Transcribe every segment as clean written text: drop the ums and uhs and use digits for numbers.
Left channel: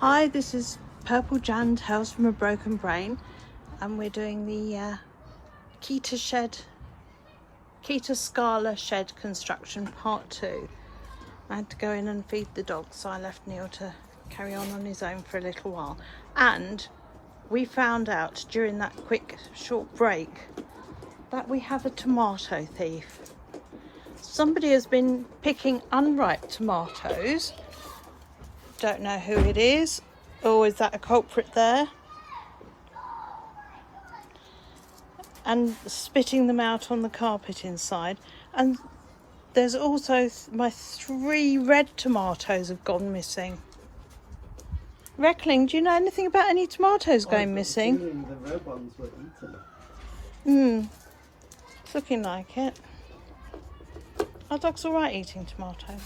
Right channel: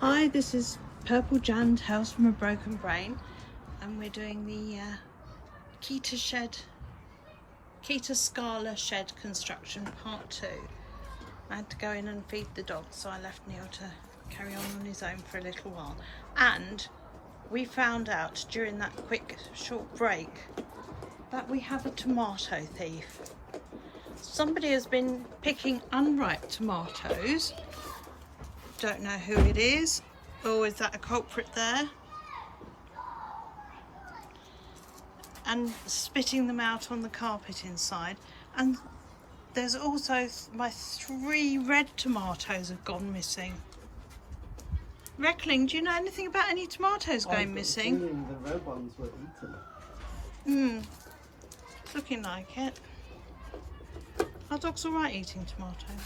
Hi, this is Purple Jan Tales from a Broken Brain, and we're doing the Keter Scala shed construction part 2. I had to go in and feed the dog, so I left Neil to carry on his own for a little while. And we found out during that quick short break that we have a tomato thief. Somebody has been picking unripe tomatoes. Don't know who it is. Oh, is that a culprit there? And spitting them out on the carpet inside. And there's also my 3 red tomatoes have gone missing. Reckling, do you know anything about any tomatoes going missing? The red ones were eaten. Looking like it. Our dog's alright eating tomatoes.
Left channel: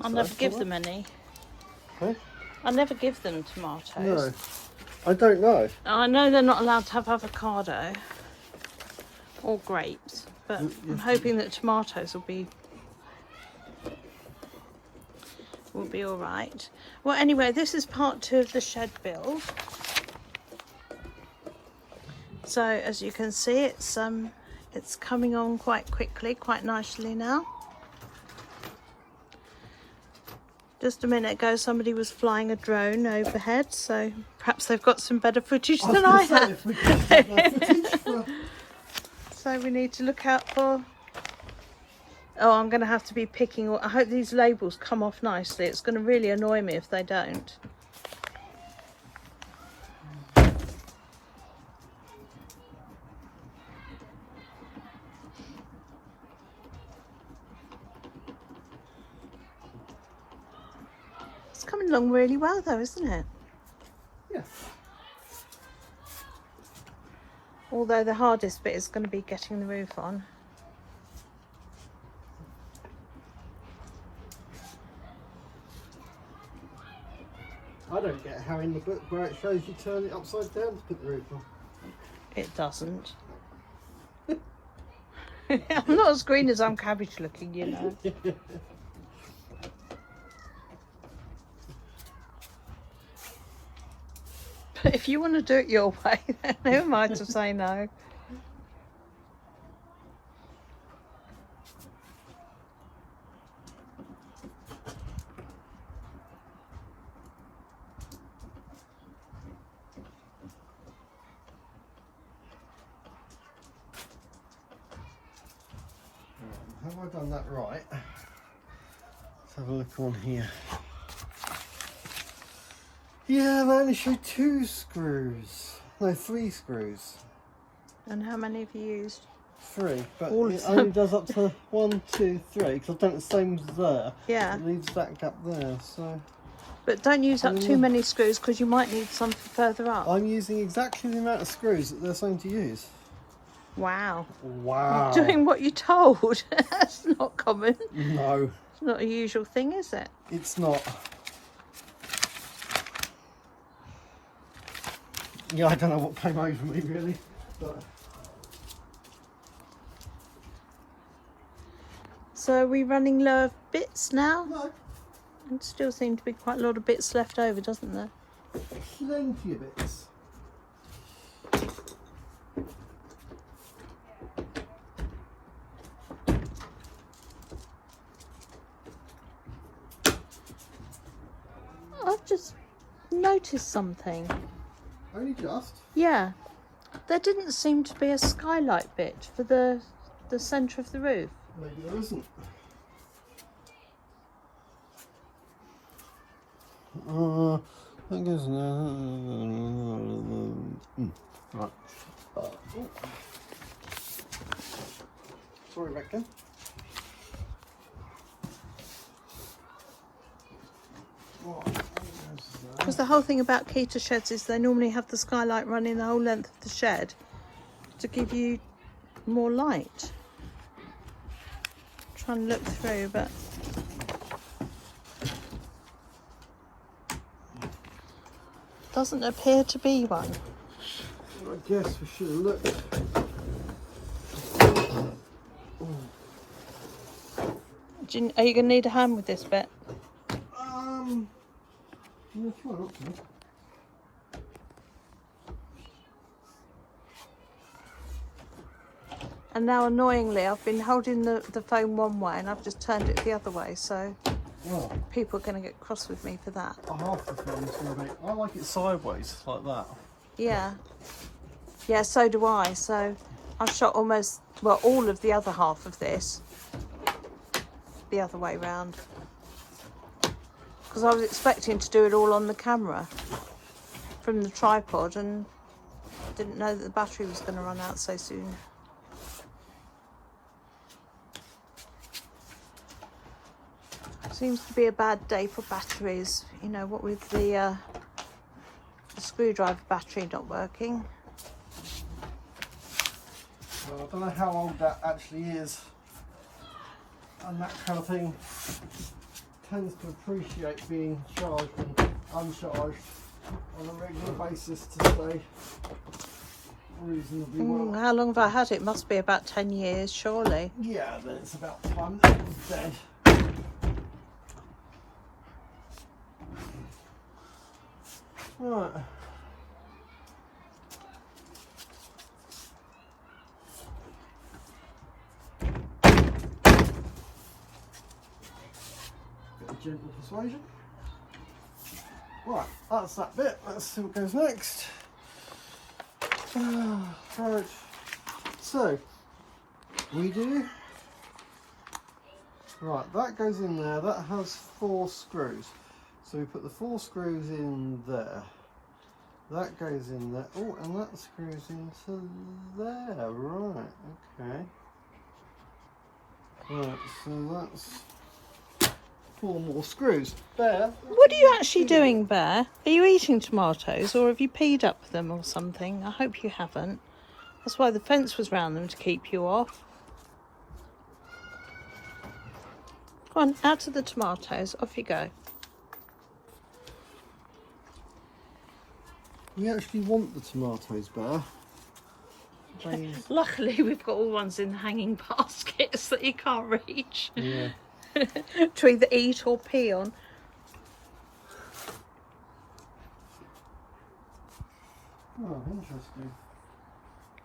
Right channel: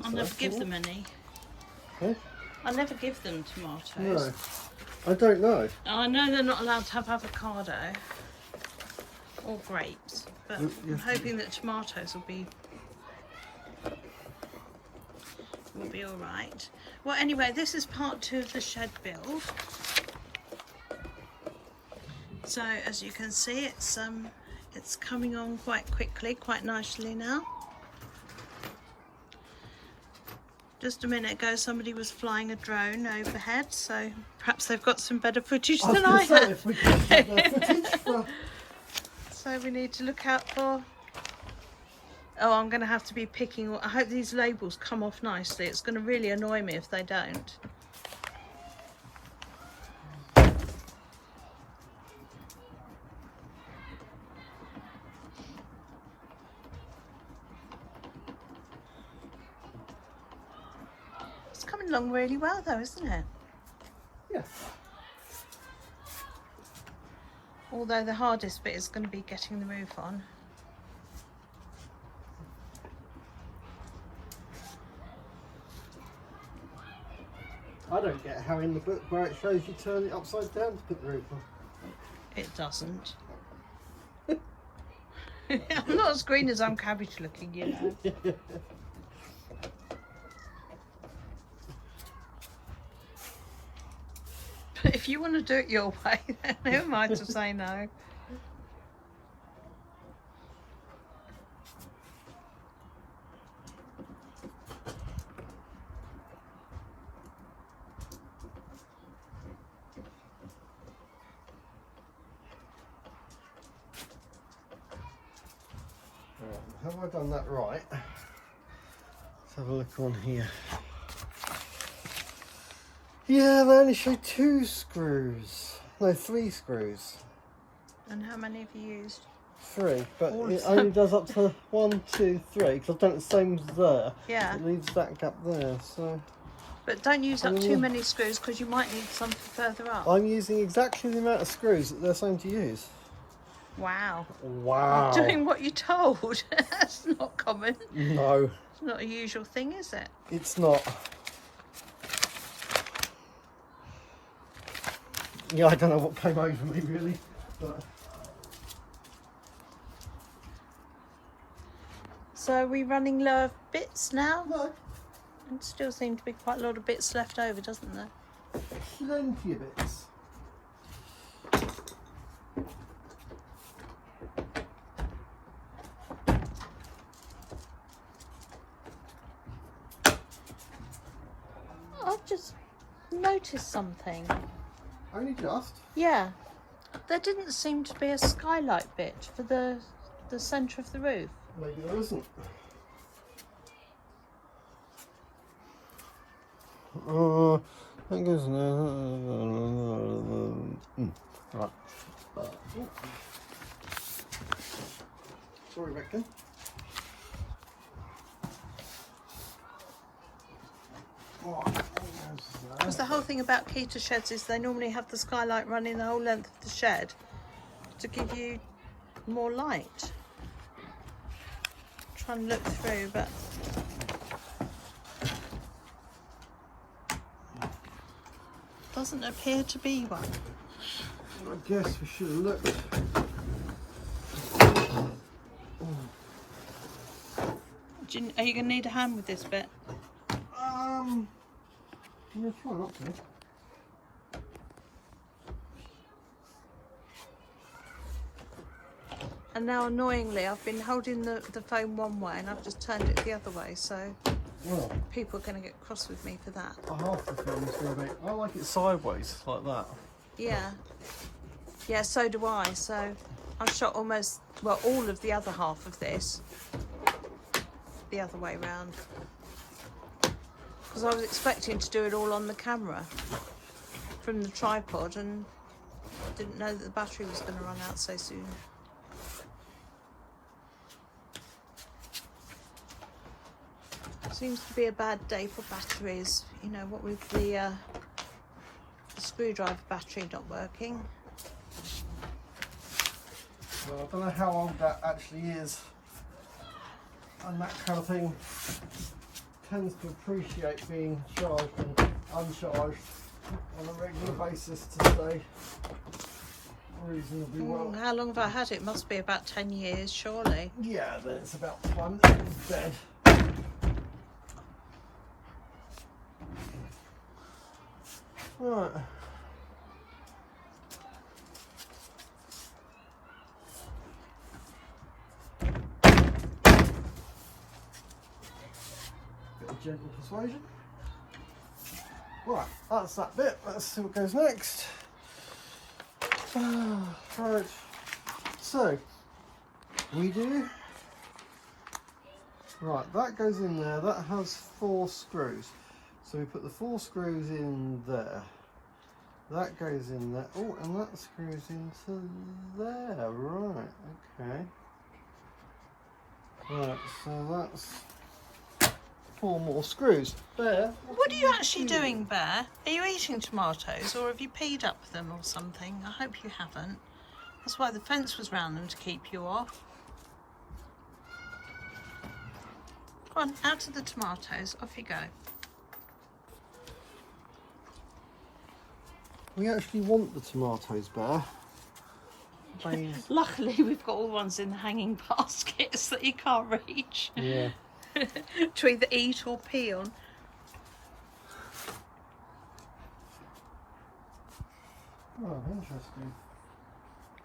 I'll never give them any. Huh? I never give them tomatoes. No, I don't know. I know they're not allowed to have avocado or grapes, but I'm hoping that tomatoes will be all right. Well, anyway, this is part 2 of the shed build. So as you can see, it's coming on quite quickly, quite nicely now. Just a minute ago, somebody was flying a drone overhead, so perhaps they've got some better footage than I have. So we need to look out for... Oh, I'm going to have to be picking... I hope these labels come off nicely. It's going to really annoy me if they don't. It's coming along really well though, isn't it? Yeah. Although the hardest bit is going to be getting the roof on. I don't get how in the book where it shows you turn it upside down to put the roof on. It doesn't. I'm not as green as I'm cabbage looking, you know. But if you want to do it your way, then who am I to say no? Have I done that right? Let's have a look on here. Yeah, they only show 2 screws. No, 3 screws. And how many have you used? 3, but it only does up to 1, 2, 3, because I've done it the same as there. Yeah. It leaves that gap there, so... But don't use up too many screws, because you might need some further up. I'm using exactly the amount of screws that they're saying to use. Wow. Wow. Doing what you're told. That's not common. No. It's not a usual thing, is it? It's not. Yeah, I don't know what came over me really. But... So are we running low of bits now? No. And still seem to be quite a lot of bits left over, doesn't there? Plenty of bits. I've just noticed something. Only just? Yeah. There didn't seem to be a skylight bit for the centre of the roof. Maybe there isn't. That goes right. Sorry, Rebecca. Because the whole thing about Keter sheds is they normally have the skylight running the whole length of the shed to give you more light. I'm trying to look through, but doesn't appear to be one. I guess we should have looked. Are you going to need a hand with this bit? Yeah, try not to. And now, annoyingly, I've been holding the phone one way and I've just turned it the other way, so Well, people are going to get cross with me for that. half the film's going to be. I like it sideways, like that. Yeah. Yeah, so do I. So I shot almost, well, all of the other half of this the other way round. Because I was expecting to do it all on the camera from the tripod and I didn't know that the battery was going to run out so soon. Seems to be a bad day for batteries, you know, what with the screwdriver battery not working. Well, I don't know how old that actually is, and that kind of thing tends to appreciate being charged and uncharged on a regular basis to stay reasonably well. How long have I had it? Must be about 10 years, surely. Yeah, then it's about time it's dead. Right. Bit of gentle persuasion. Right, that's that bit. Let's see what goes next. Right. So we do. Right, that goes in there. That has 4 screws. So we put the 4 screws in there. That goes in there. Oh, and that screws into there. Right, okay. Right, so that's 4 more screws. There. What are you actually doing, Bear? Are you eating tomatoes or have you peed up them or something? I hope you haven't. That's why the fence was round them, to keep you off. Come on, out of the tomatoes. Off you go. We actually want the tomatoes, Bear. Luckily, we've got all ones in the hanging baskets that you can't reach. Yeah. To either eat or pee on. Oh, interesting.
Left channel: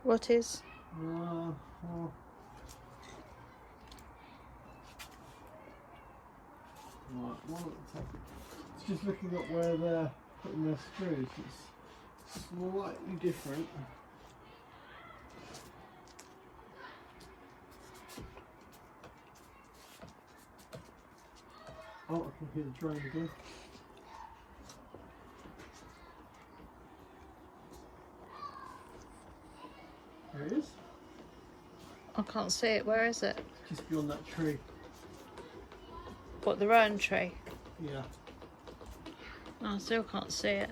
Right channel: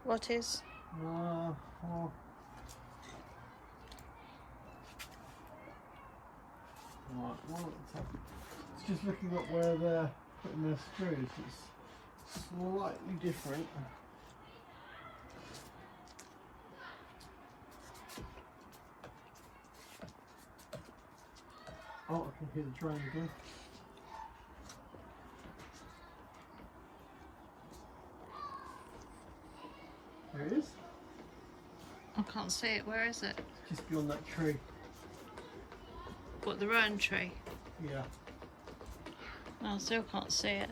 What is? Oh. Right, one at the top. It's just looking at where they're putting their screws. It's slightly different. Oh, I can hear the drone again. There it is. I can't see it. Where is it? Just beyond that tree. What, the rowan tree? Yeah. I still can't see it.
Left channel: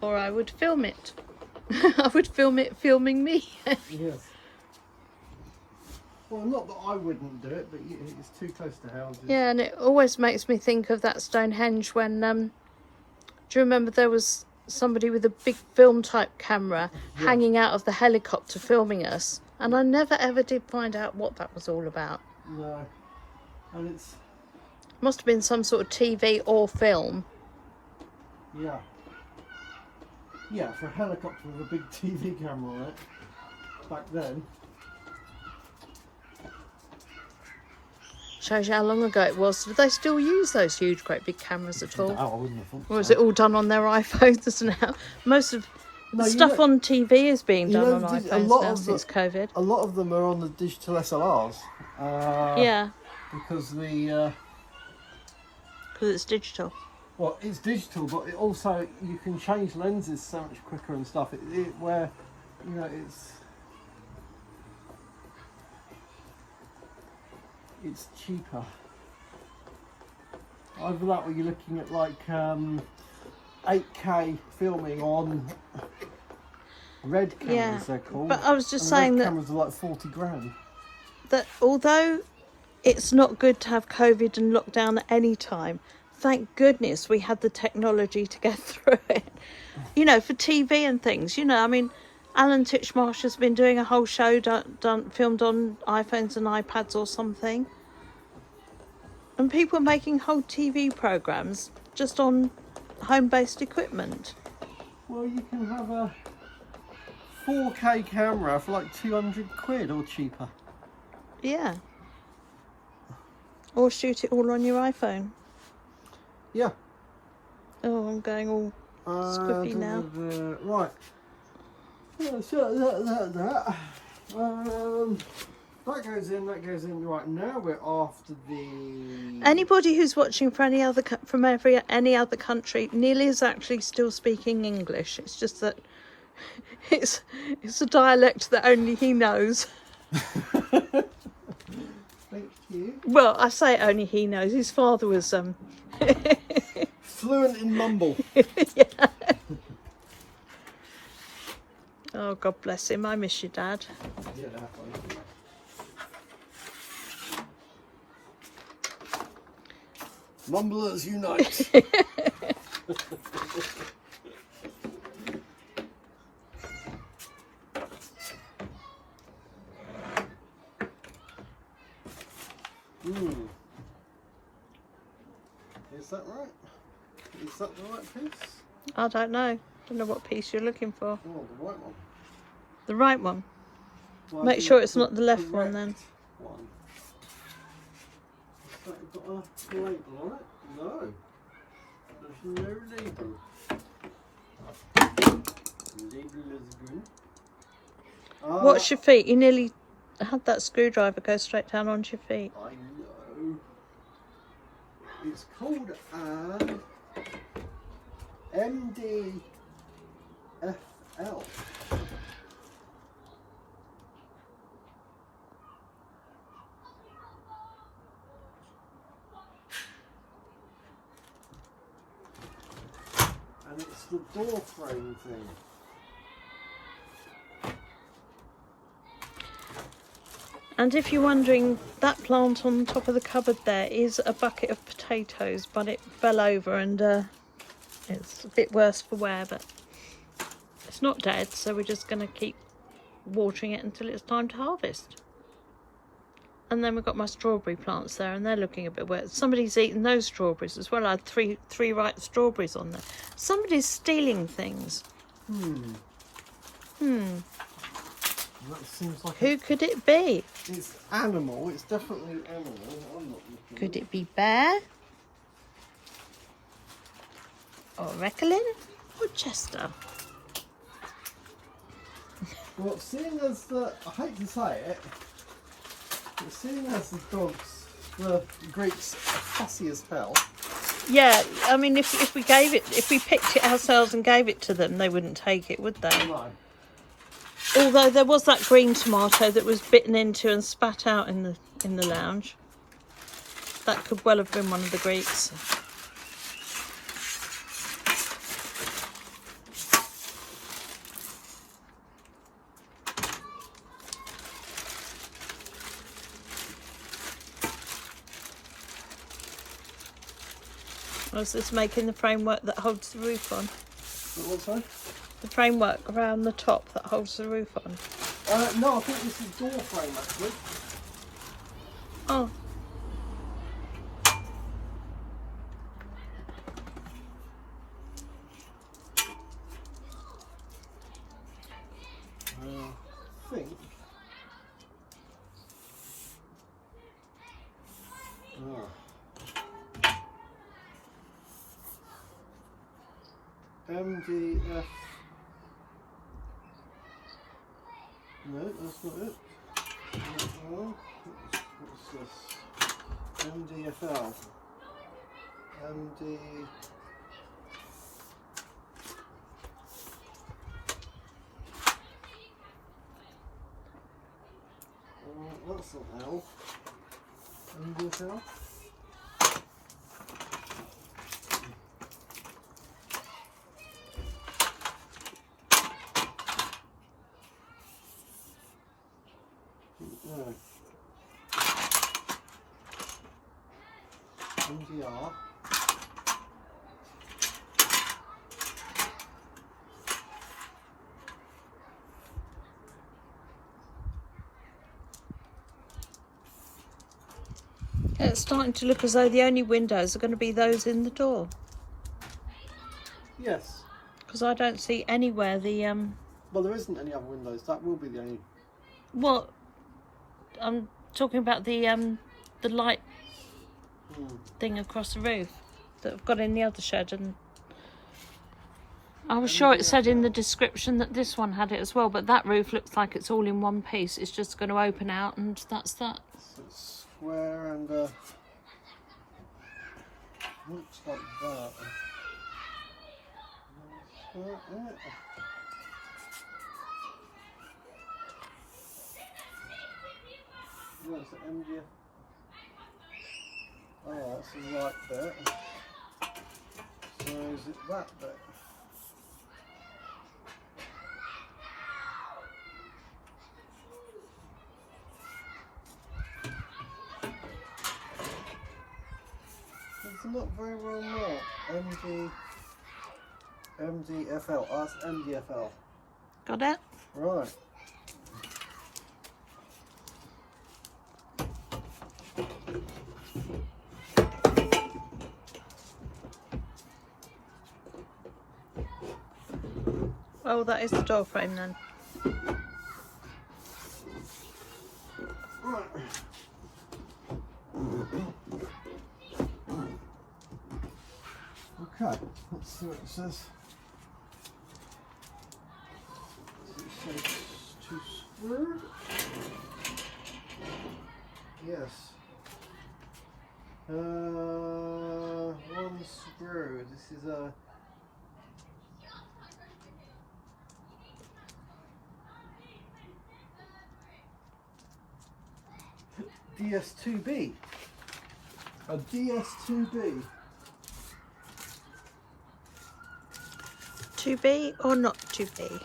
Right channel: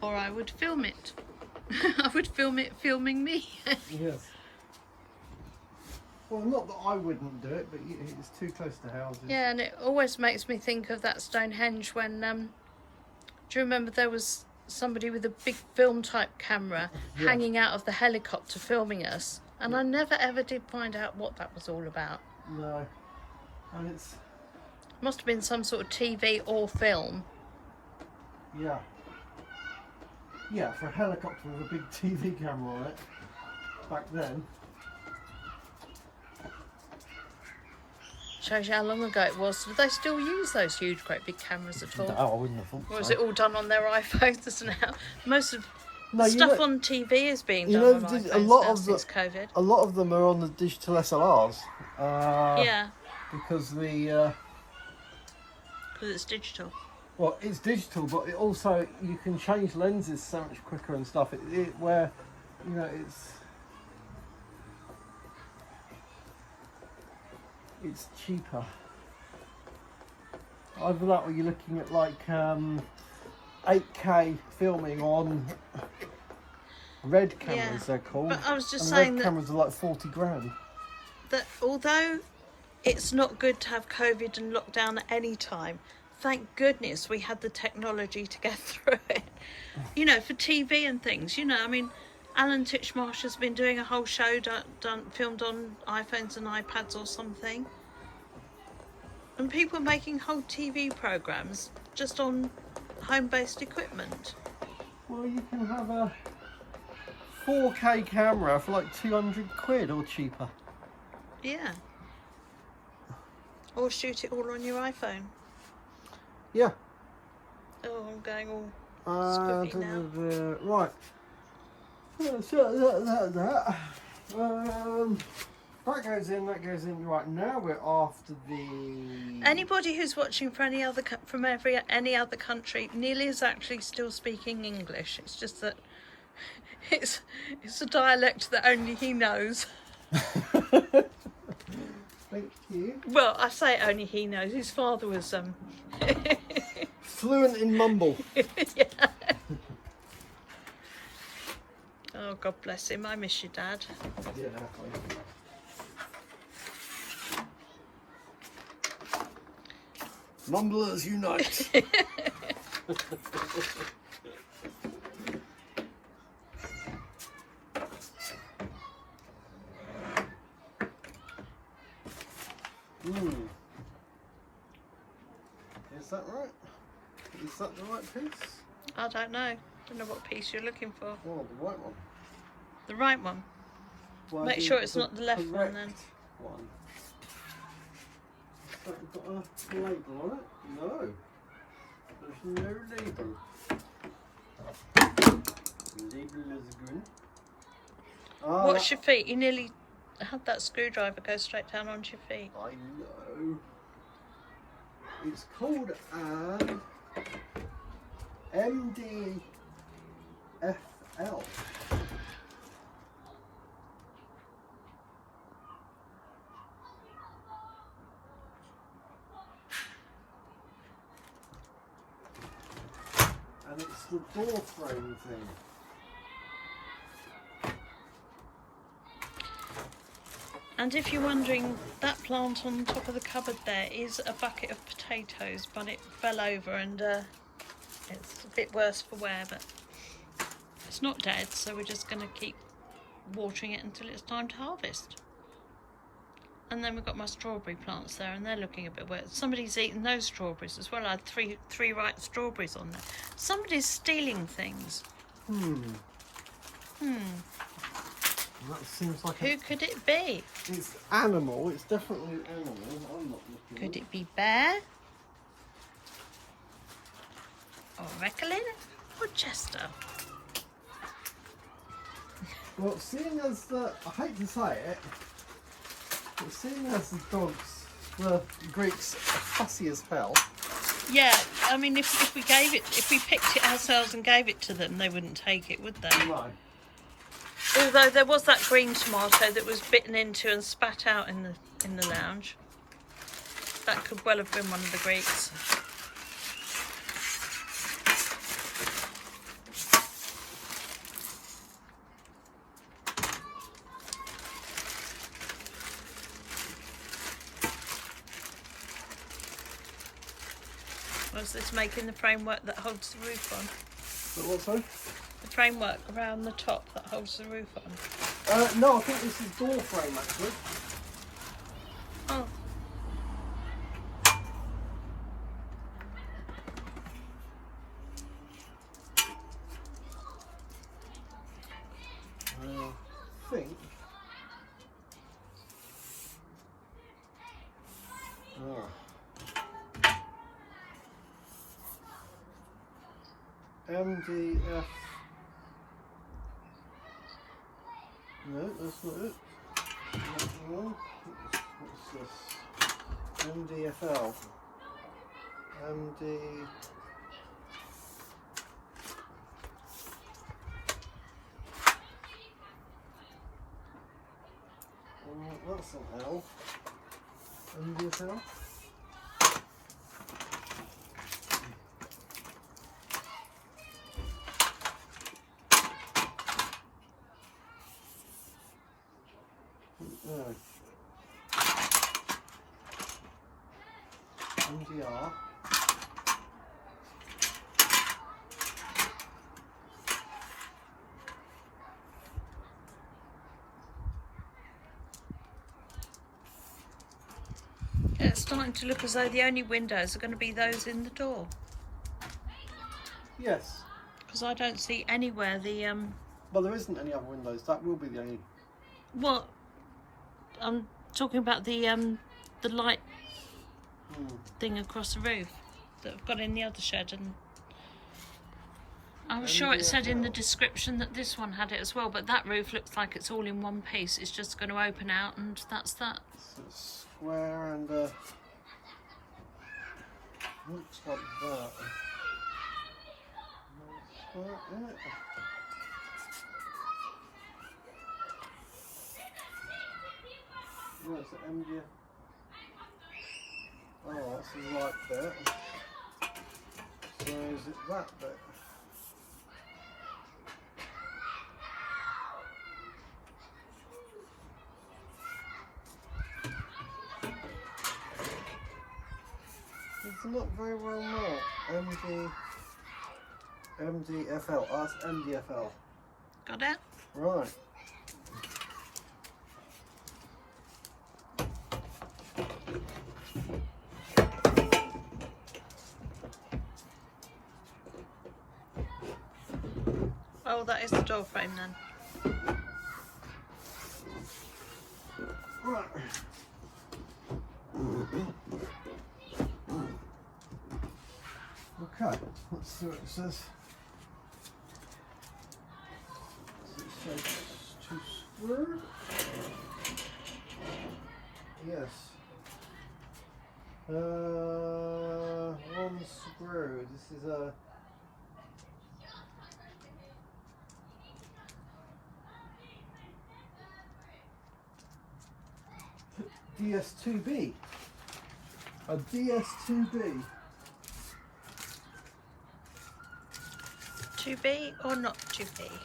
Or I would film it. I would film it filming me. Yes. Well, not that I wouldn't do it, but it's too close to houses. Yeah, and it always makes me think of that Stonehenge when, do you remember there was somebody with a big film type camera hanging out of the helicopter filming us? And I never ever did find out what that was all about. No. And it's... Must have been some sort of TV or film. Yeah. Yeah, for a helicopter with a big TV camera on it, back then. Shows you how long ago it was. Do they still use those huge, great big cameras at all? No, I wouldn't have thought Or is so. it all done on their iPhones now? Most of No, the you stuff know- on TV is being you done know, on iPhones a lot now of the- since COVID. A lot of them are on the digital SLRs. Yeah, Because the... because it's digital. well, it's digital, but it also, you can change lenses so much quicker and stuff. Where, you know, it's cheaper. Either that or you're looking at like 8K filming on red cameras, Yeah, they're called. but I was just and saying red that- cameras are like 40 grand. That although it's not good to have COVID and lockdown at any time, thank goodness we had the technology to get through it. You know, for TV and things. You know, I mean, Alan Titchmarsh has been doing a whole show filmed on iPhones and iPads or something. And people are making whole TV programmes just on home-based equipment. Well, you can have a 4K camera for like 200 quid or cheaper. Yeah. Or shoot it all on your iPhone. Yeah. Oh, I'm going all squiffy now. Right. So that goes in. That goes in. Right, now we're after the. Anybody who's watching from any other country, Neil is actually still speaking English. It's just that it's a dialect that only he knows. Thank you. Well, I say only he knows. His father was fluent in mumble. Yeah. Oh, God bless him. I miss your dad. Yeah. Mumblers unite. Is that right? Is that the right piece? I don't know. Don't know what piece you're looking for. Oh, the right one. The right one. Well, Make sure it's not the left one then. One. Has that got a label on it? No. There's no label. Label is good. Watch your feet. You nearly had that screwdriver go straight down onto your feet. I know. It's called an MDFL. And it's the door frame thing. And if you're wondering, that plant on top of the cupboard there is a bucket of potatoes, but it fell over and it's a bit worse for wear, but it's not dead, so we're just going to keep watering it until it's time to harvest. And then we've got my strawberry plants there, and they're looking a bit wet. Somebody's eaten those strawberries as well. I had three ripe strawberries on there. Somebody's stealing things. That seems like Who could it be? It's animal. It's definitely an animal. I'm not looking. Could it be bear? Or Recklin? Or Chester? Well, seeing as I hate to say it, but seeing as the Greeks are fussy as hell. Yeah, I mean, if we picked it ourselves and gave it to them, they wouldn't take it, would they? No. Although there was that green tomato that was bitten into and spat out in the lounge. That could well have been one of the Greeks. Was this making the framework that holds the roof on? What, sorry? The framework around the top that holds the roof on. No, I think this is door frame actually. Oh. I think. MDF. No, that's not it. Well, what's this? MDFL. MD. That's not L. MDFL. No. MDR. It's starting to look as though the only windows are going to be those in the door. Yes. Because I don't see anywhere the Well, there isn't any other windows. That will be the only. well, I'm talking about the light thing across the roof that I've got in the other shed, and I was sure it said in the description that this one had it as well, but that roof looks like it's all in one piece. It's just going to open out, and that's that. So it's square and looks like that. Yeah, it's an MDF. Oh, that's the right bit. So is it that bit? It's not very well marked. MDFL. Oh, that's MDFL. Got it? Right. Oh, that is the door frame then. Right. Okay, let's see what it says. Does it say to screw? Yes. One screw. This is a DS2B. A DS2B. 2B or not 2B?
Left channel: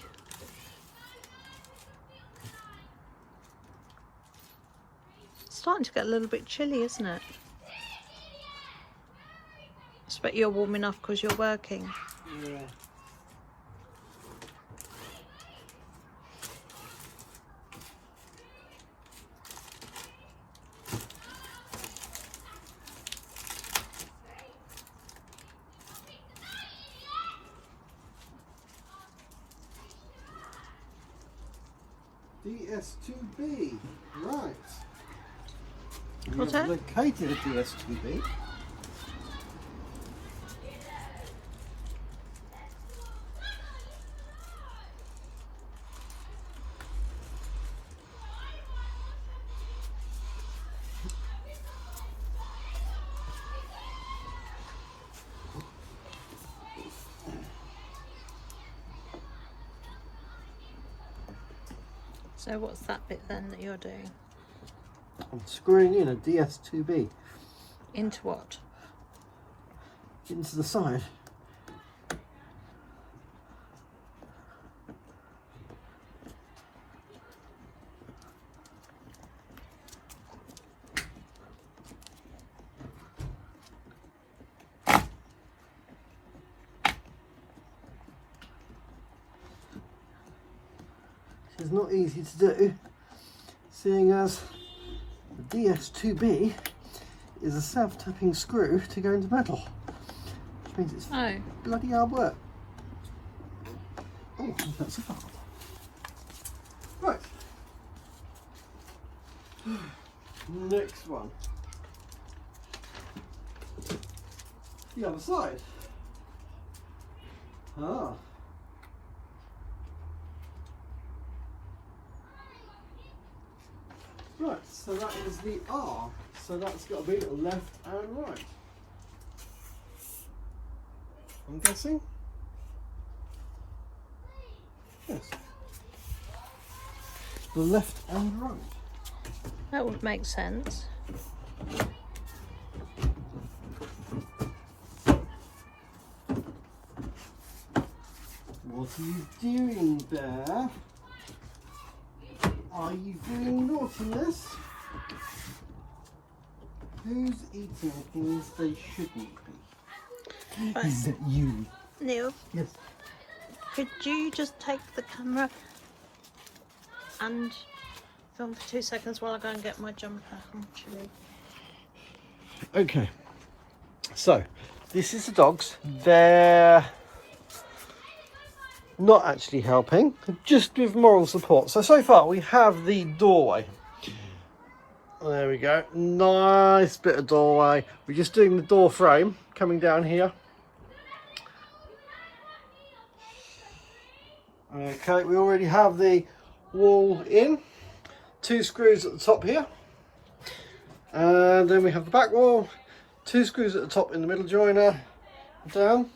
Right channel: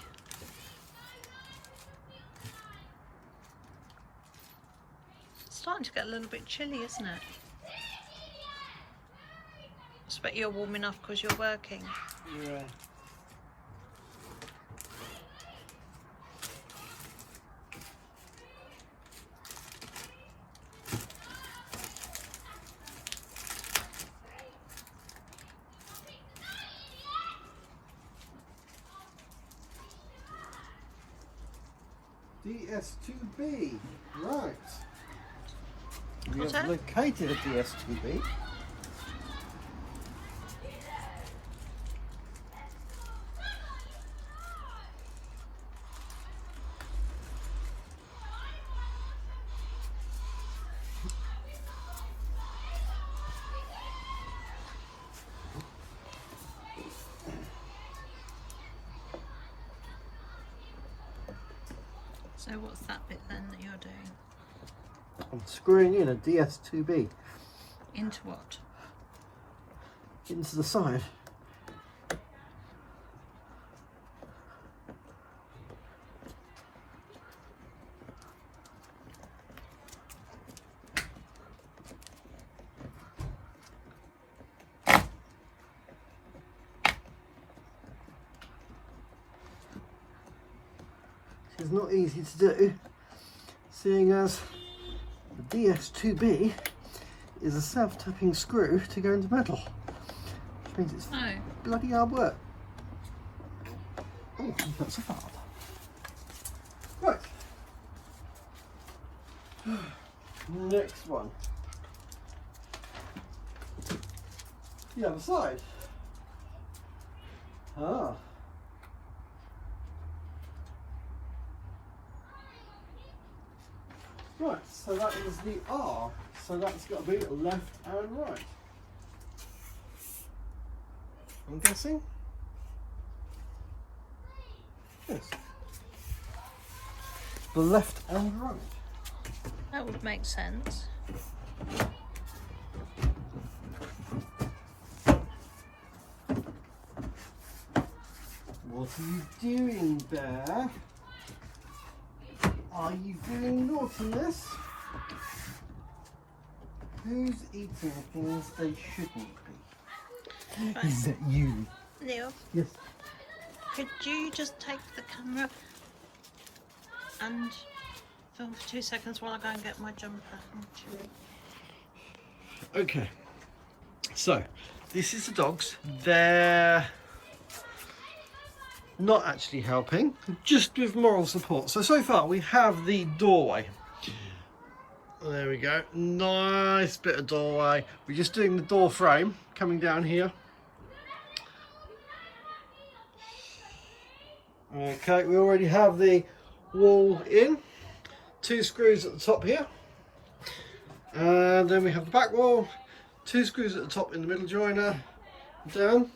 It's starting to get a little bit chilly, isn't it? I expect you're warm enough because you're working. Yeah. DS2B, right. We What's have that? located a DS2B. So what's that bit then that you're doing? I'm screwing in a DS2B Into what? into the side. It's not easy to do, seeing as the DS2B is a self-tapping screw to go into metal, which means it's bloody hard work. Oh, that's a part. Right. Next one. The other side. Ah. Right, so that is the R. So that's got to be left and right. I'm guessing? Yes. The left and right. That would make sense. What are you doing there? Are you doing naughtiness? Who's eating things they shouldn't be? Right. Is it you? Neil, Yes. could you just take the camera and film for 2 seconds while I go and get my jumper? Actually. Okay. So, this is the dogs. They're not actually helping, just with moral support. So far we have the doorway. There we go, nice bit of doorway. We're just doing the door frame coming down here. Okay, we already have the wall in, 2 screws at the top here, and then we have the back wall, 2 screws at the top in the middle joiner, down.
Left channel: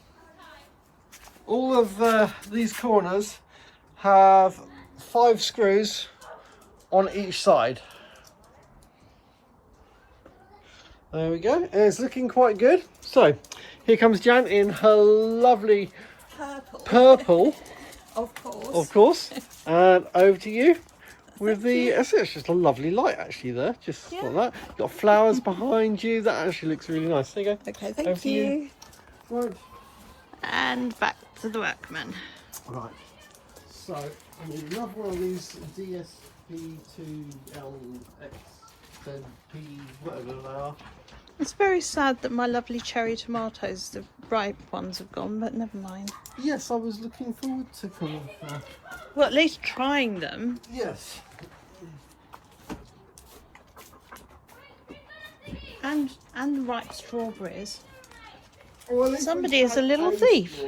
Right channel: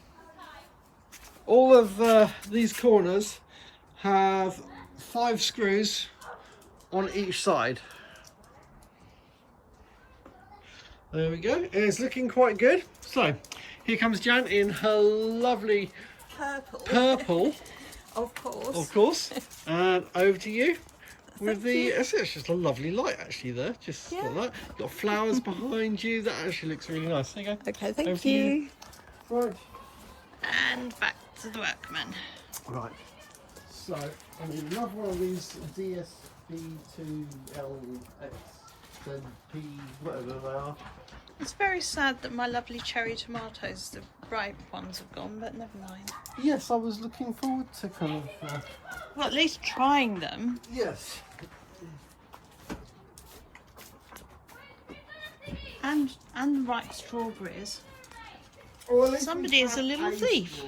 All of these corners have 5 screws on each side. There we go, and it's looking quite good. So here comes Jan in her lovely purple. Of course. Of course. And over to you with it's just a lovely light actually there, just like that. Got flowers behind you, that actually looks really nice. There you go. Okay, thank you. Right. And back to the workman. Right. So I need another one of these DSB2LX, then P, whatever they are. It's very sad that my lovely cherry tomatoes, the ripe ones, have gone, but never mind. Yes, I was looking forward to coming. Well, at least trying them. Yes. And the ripe strawberries. Well, Somebody is a little thief.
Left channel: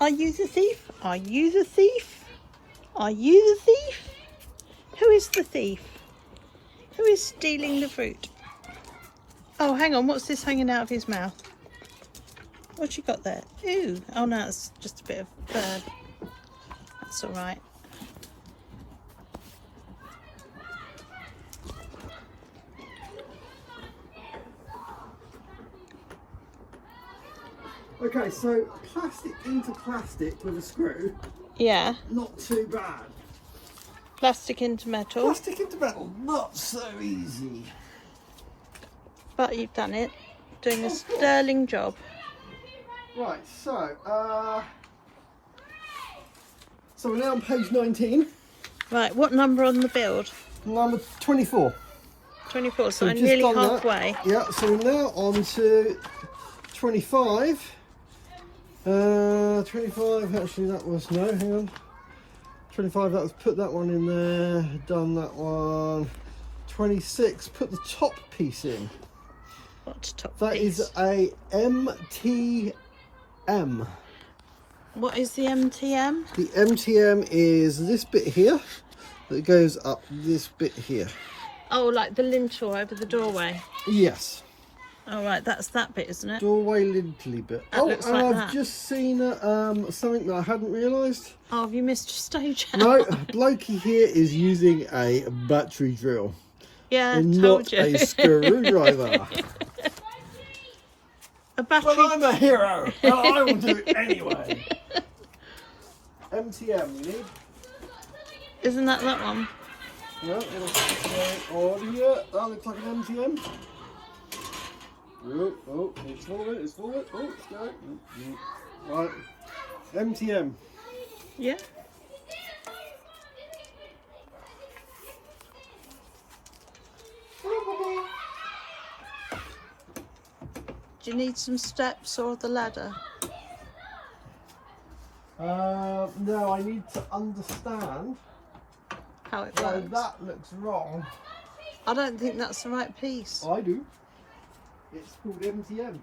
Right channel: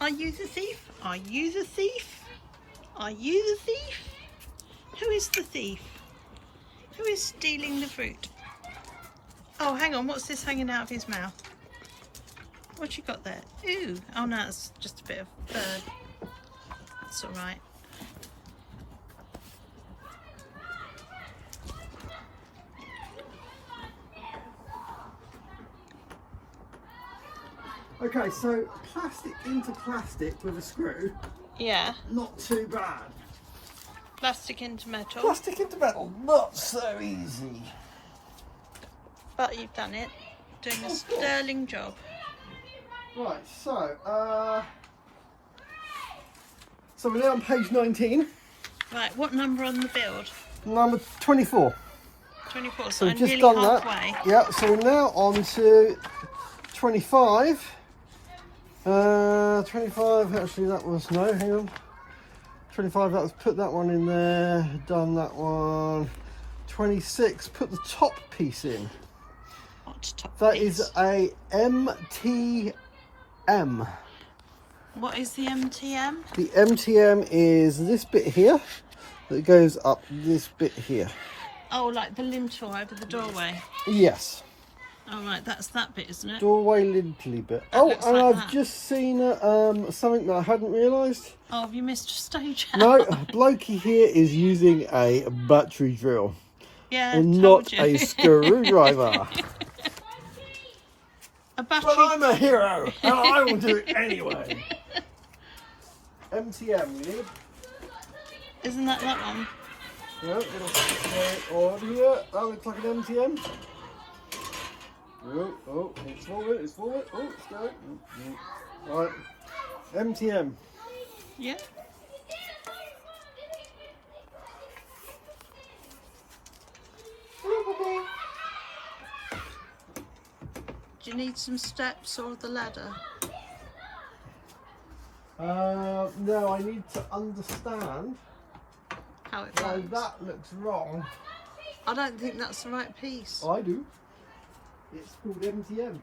Are you the thief? Are you the thief? Are you the thief? Who is the thief? Who is stealing the fruit? Oh, hang on, what's this hanging out of his mouth? What you got there? Ooh, oh no, it's just a bit of bird. That's all right. Okay, so plastic into plastic with a screw, Yeah, not too bad. plastic into metal, Plastic into metal, not so easy. but you've done it. Doing a sterling job. Right, so we're now on page 19. Right, what number on the build? Number 24. 24, so we've I'm just nearly done that. halfway. Yeah, so we're now on to 25. 25, actually that was, no, hang on. 25, that was, put that one in there, done that one. 26, put the top piece in. What top That piece? is a MTM. What is the MTM? The MTM is this bit here that goes up this bit here. Oh, like the lintel over the doorway. Yes. Oh, right, that's that bit, isn't it? Doorway lintely bit. That Oh, looks and like I've that. just seen something that I hadn't realised. Oh, have you missed a stage? No, blokey here is using a battery drill Yeah, and told not you. a screwdriver. A battery. But I'm a hero and I will do it anyway. MTM you need. Isn't that one? Yeah, it'll go on here. That looks like an MTM. Oh, it's forward, it's forward. Oh, it's going. Right, MTM. Yeah. Do you need some steps or the ladder? No, I need to understand How it why works? that looks wrong. I don't think that's the right piece. I do. It's called MTM.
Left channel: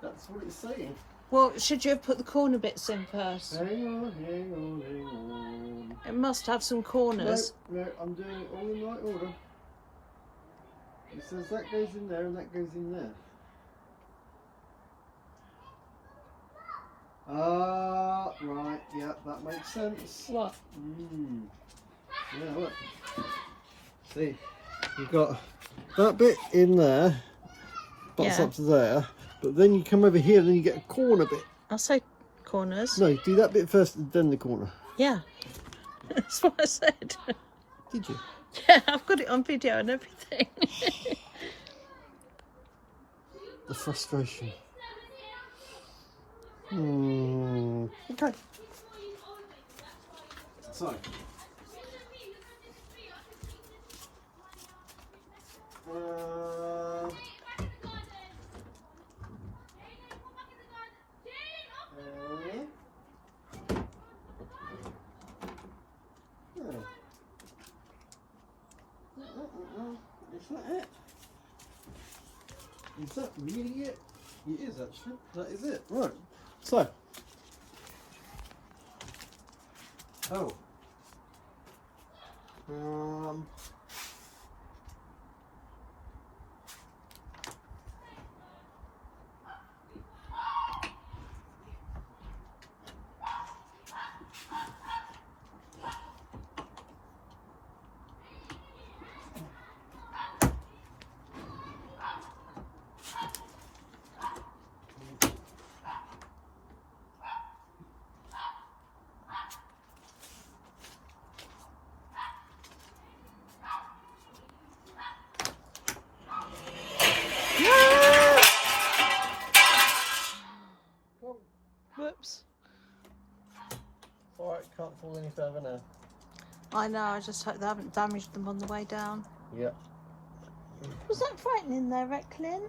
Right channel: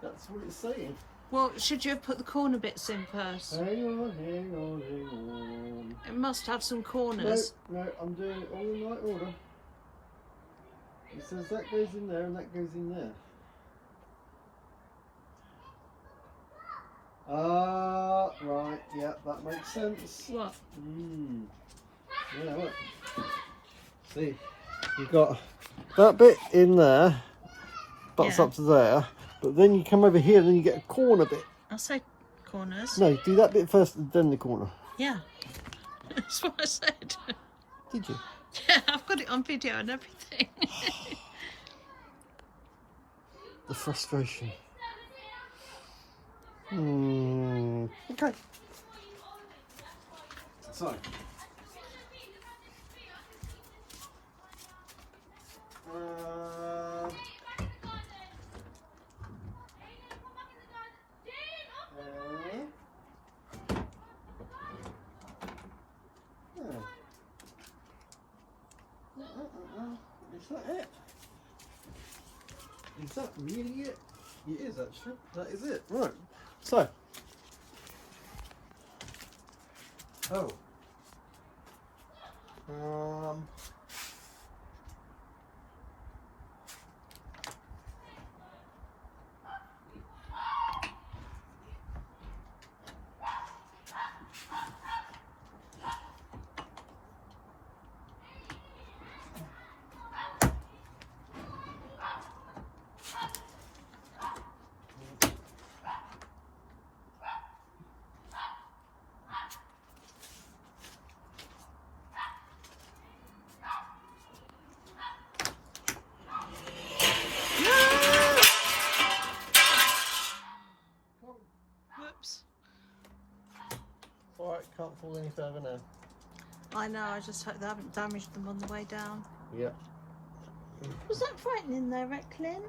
That's what it's saying. Well, should you have put the corner bits in first? Hang on, hang on, hang on. It must have some No, corners. no, I'm doing it all in the right order. It says that goes in there and that goes in there. Right, yeah, that makes sense. What? Yeah, look. See, you've got that bit in there, butts Yeah. up to there, but then you come over here and you get a corner bit. I'll say corners. No, do that bit first and then the corner. Yeah. That's what I said. Did you? Yeah, I've got it on video and everything. The frustration. Okay. So. it? Is that really it? It is actually. That is it. Right. So. Oh. Whoops. Alright, can't fall any further now. I know, I just hope they haven't damaged them on the way down. Yep. Was that frightening there, Recklin?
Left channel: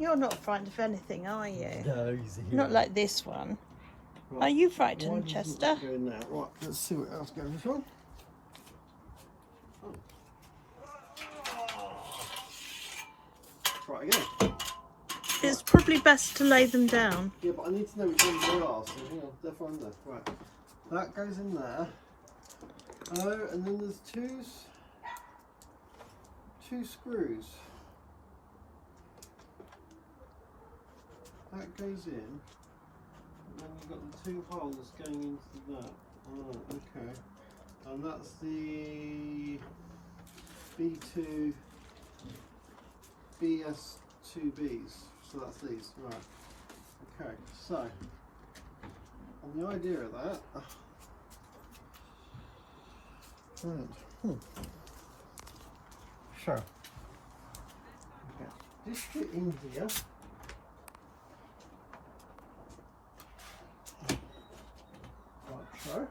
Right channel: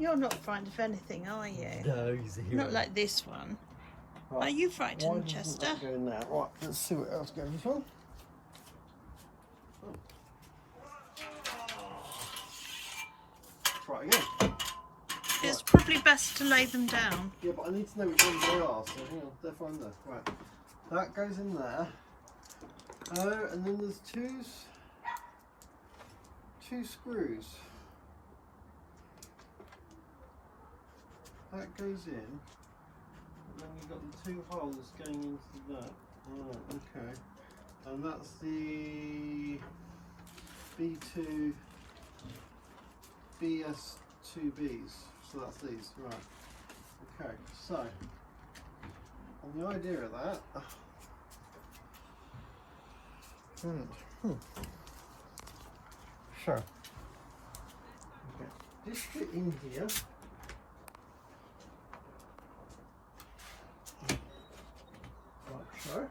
You're not frightened of anything, are you? No, he's a hero. Not like this one. Right. Are you frightened, Why Chester? That going now? Right, let's see what else goes on. Oh. Try it again. It's probably best to lay them down. Yeah, but I need to know which ones they are, so hang on, they're fine there. Right. That goes in there. Oh, and then there's two screws. That goes in. And then you've got the two holes going into that. Alright, okay. And that's the B2 BS2Bs. So that's these, right. Okay, so and the idea of that so okay, this bit in here like so.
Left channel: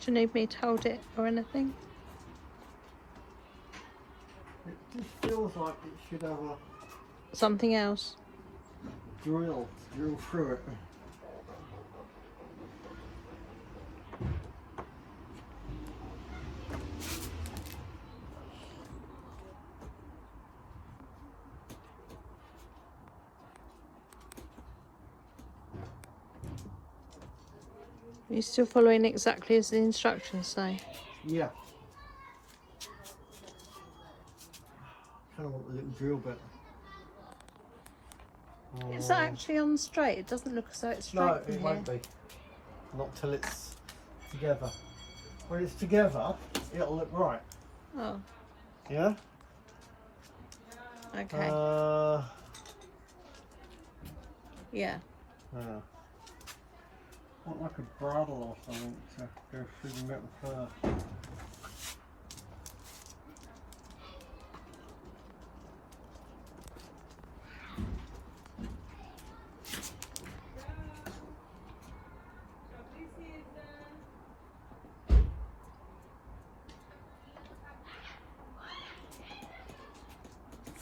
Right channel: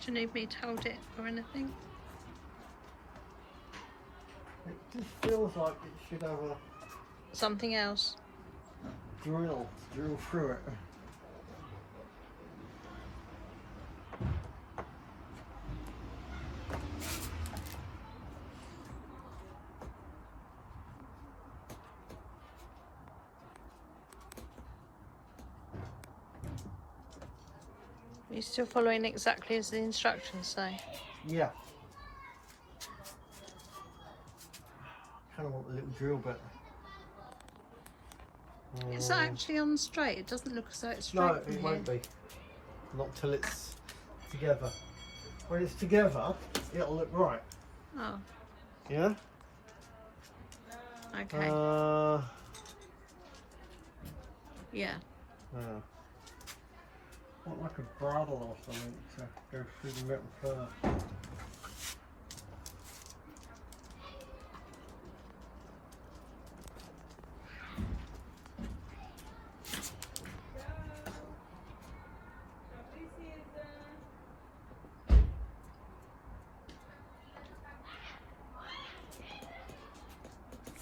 Do you need me to hold it or anything? It just feels like it should have a Something else? drill through it. Are you still following exactly as the instructions say? Yeah. Kind of want the little drill bit. Is that actually on straight? It doesn't look as though it's straight. No, from it here. won't be. Not till it's together. When it's together, it'll look right. Oh, Yeah? okay. Yeah. Want like a bradawl or something to go through the metal first.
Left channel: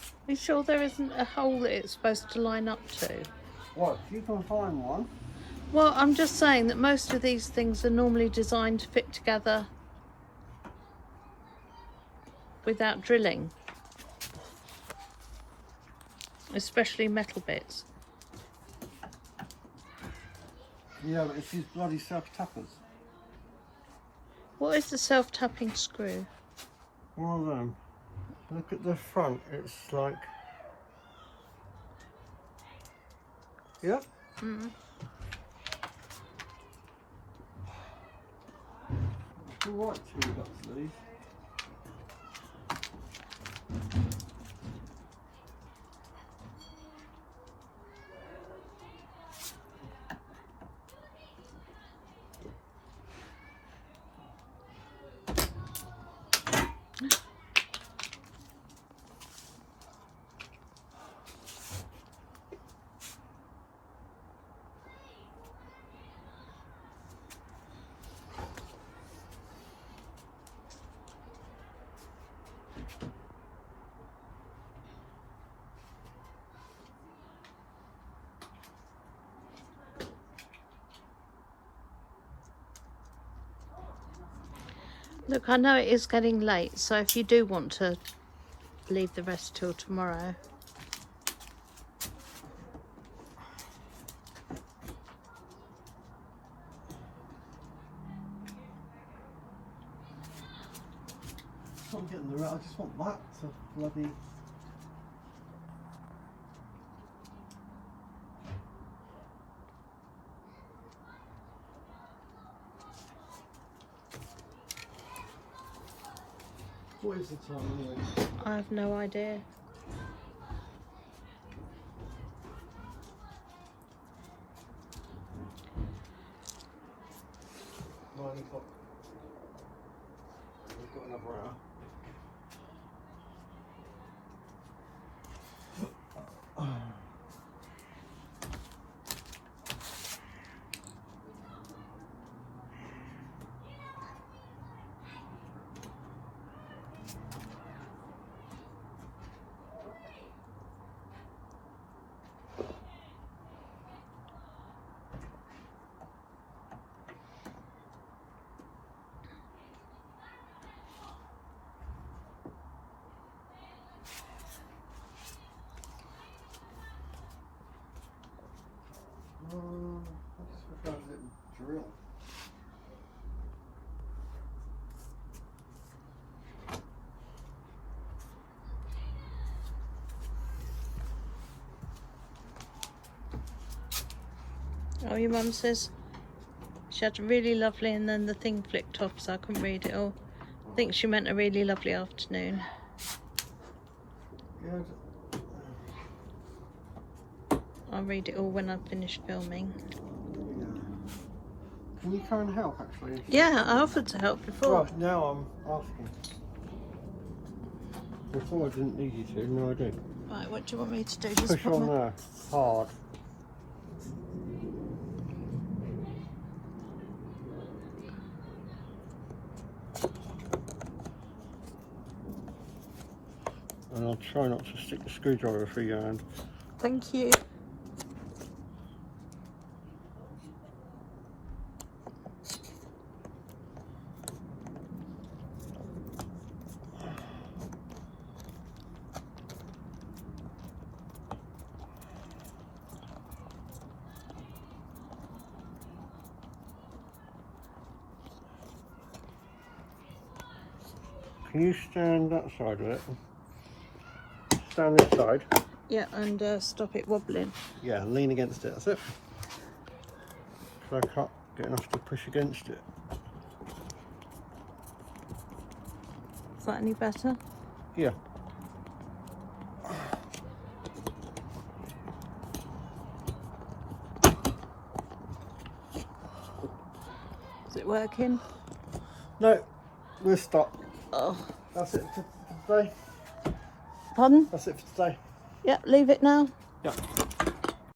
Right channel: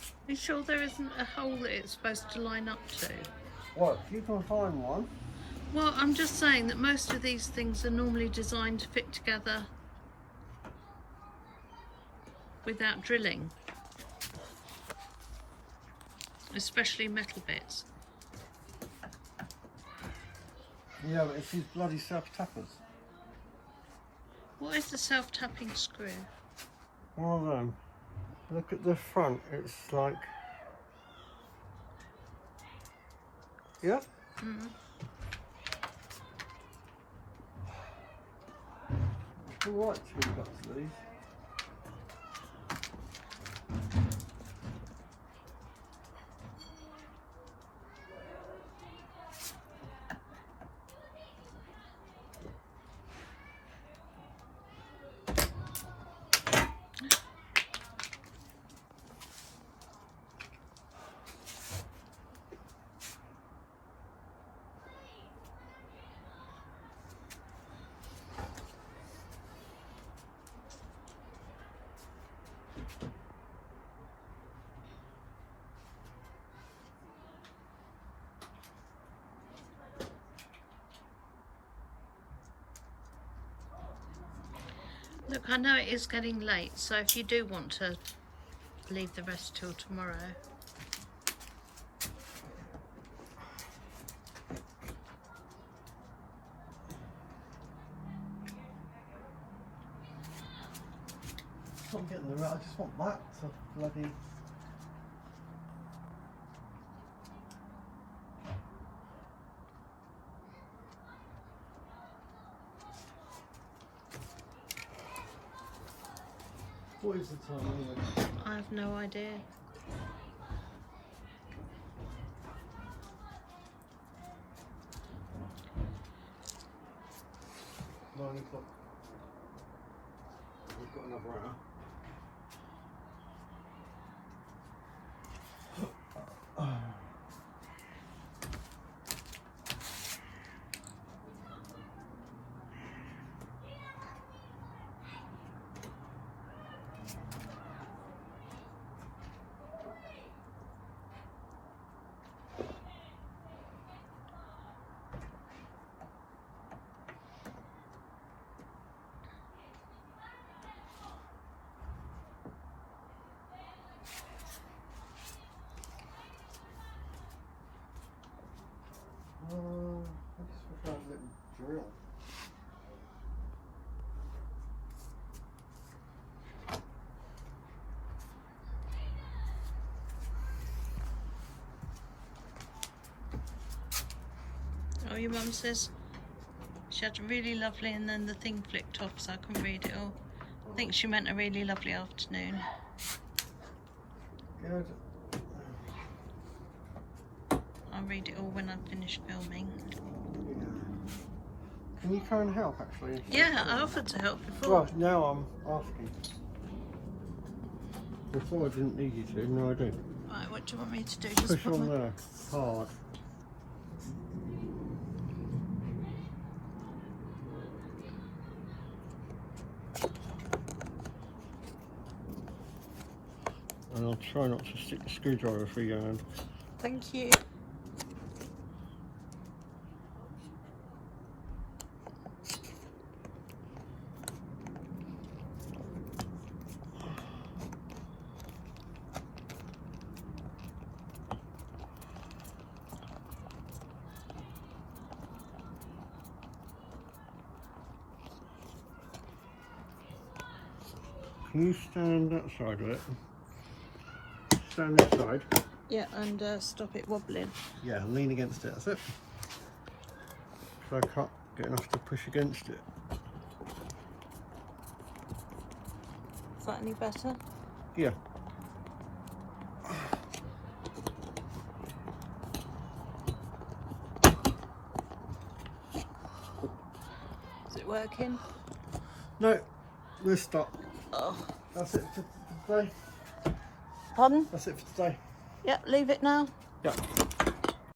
Are you sure there isn't a hole that it's supposed to line up to? Well, if you can find one. Well, I'm just saying that most of these things are normally designed to fit together without drilling, especially metal bits. Yeah, but it's these bloody self-tappers. What is the self-tapping screw? One of them. Look at the front, it's like... Yeah? Mm. It's alright to got these. Look, I know it is getting late, so if you do want to leave the rest till tomorrow. I'm getting the right. I just want that to bloody. What is the time here? I have no idea. Nine o'clock. We've got another hour. Let's look at a little drill. Oh, your mum says she had a really lovely, and then the thing flicked off, so I couldn't read it all. I think she meant a really lovely afternoon. Good. I'll read it all when I've finished filming. Can you try and help actually? Yeah, I offered to help before. Well, now I'm asking. Before I didn't need you to, now I do. Right, what do you want me to do? Just Push put on my- there, hard. And I'll try not to stick the screwdriver through your hand. Thank you. Can you stand that side of it? Stand this side. Yeah, and stop it wobbling. Yeah, lean against it, that's it. So I can't get enough to push against it. Is that any better? Yeah. Is it working? No, we'll stop. Oh. That's it for today. Pardon? That's it for today. Yeah, leave it now. Yeah.